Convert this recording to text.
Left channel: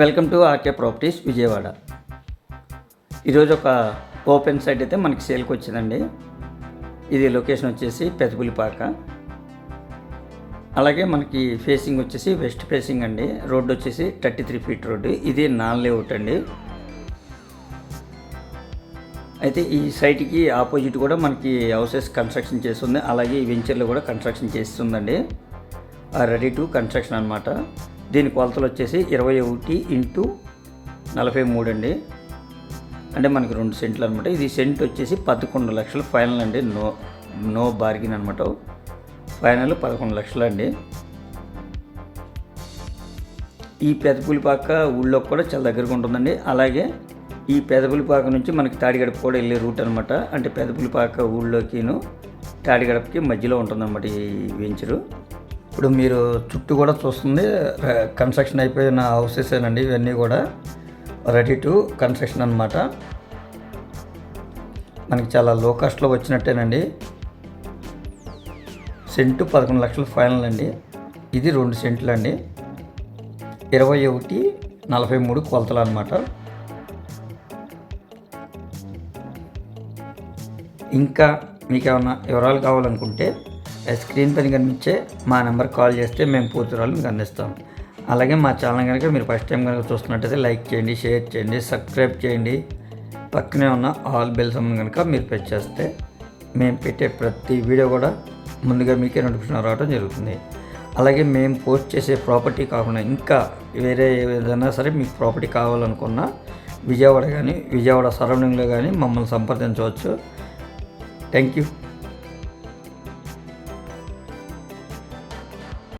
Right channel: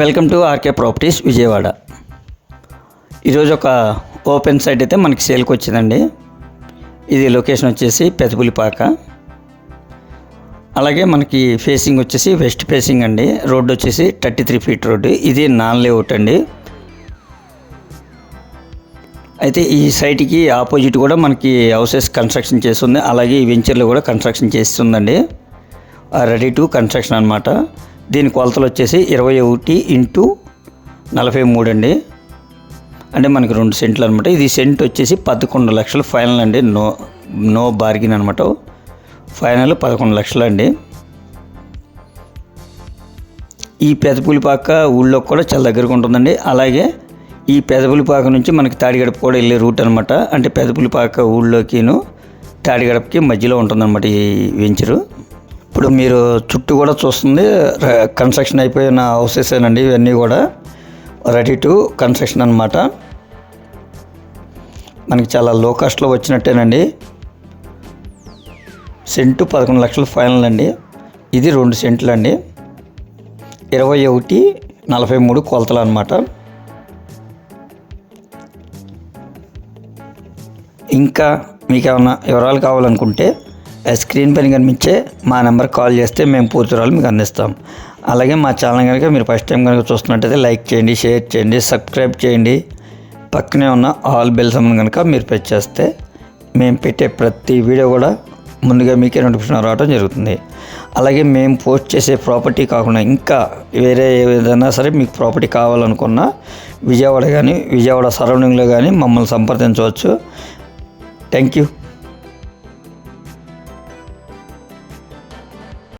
Welcome to RK properties Vijayawada. ఈరోజు ఒక open site అయితే మనకి సేల్కి వచ్చిందండి. ఇది లొకేషన్ వచ్చేసి పెదపులిపాక. అలాగే మనకి ఫేసింగ్ వచ్చేసి వెస్ట్ ఫేసింగ్ అండి. రోడ్డు వచ్చేసి 33 ఫీట్ రోడ్డు. ఇది నాన్ లేఅవుట్ అండి. అయితే ఈ సైట్కి ఆపోజిట్ కూడా మనకి హౌసెస్ కన్స్ట్రక్షన్ చేస్తుంది. అలాగే ఈ వెంచర్లో కూడా కన్స్ట్రక్షన్ చేస్తుందండి. రెడీ టు కన్స్ట్రక్షన్ అనమాట. దీని కొలతలు వచ్చేసి 21x43 అండి. అంటే మనకి 2 సెంట్లు అనమాట. ఇది సెంట్ వచ్చేసి 11 లక్షలు ఫైనల్ అండి. నో బార్గిన్ అనమాట. ఫైనల్ 11 లక్షలు అండి. ఈ పెదపులిపాక ఊళ్ళో కూడా చాలా దగ్గరగా ఉంటుందండి. అలాగే ఈ పెదపులిపాక నుంచి మనకి తాడిగడప కూడా వెళ్ళే రూట్ అనమాట. అంటే పెదపులిపాక ఊళ్ళోకిను తాడిగడపకి మధ్యలో ఉంటుందన్నమాట ఈ వెంచరు. ఇప్పుడు మీరు చుట్టూ కూడా చూస్తుంది కన్స్ట్రక్షన్ అయిపోయిన హౌసెస్ ఏనండి. ఇవన్నీ కూడా రెడీ టు కన్స్ట్రక్షన్ అనమాట. మనకి చాలా లో కాస్ట్లో వచ్చినట్టేనండి. సెంటు 11 లక్షలు ఫైనల్ అండి. ఇది 2 సెంట్లు అండి. 21x43 కొలతలు అనమాట. ఇంకా మీకు ఏమైనా వివరాలు కావాలనుకుంటే స్క్రీన్ పైన కనిపించే మా నెంబర్ కాల్ చేస్తే మేము పూర్తి వివరాలు మీకు అందిస్తాం. అలాగే మా ఛానల్ కనుక మీరు ఫస్ట్ టైం కనుక చూస్తున్నట్టయితే లైక్ చేయండి, షేర్ చేయండి, సబ్స్క్రైబ్ చేయండి. పక్కనే ఉన్న ఆల్ బెల్ సమ్మన్ కనుక మీరు ప్రెస్ చేస్తే మేము పెట్టే ప్రతి వీడియో కూడా ముందుగా మీకే నోటిఫికేషన్ రావడం జరుగుతుంది. అలాగే మేము పోస్ట్ చేసే ప్రాపర్టీ కాకుండా ఇంకా వేరే ఏదైనా సరే మీకు ప్రాపర్టీ కావాలనుకున్నా విజయవాడ సరౌండింగ్లో కానీ మమ్మల్ని సంప్రదించవచ్చు. Thank you.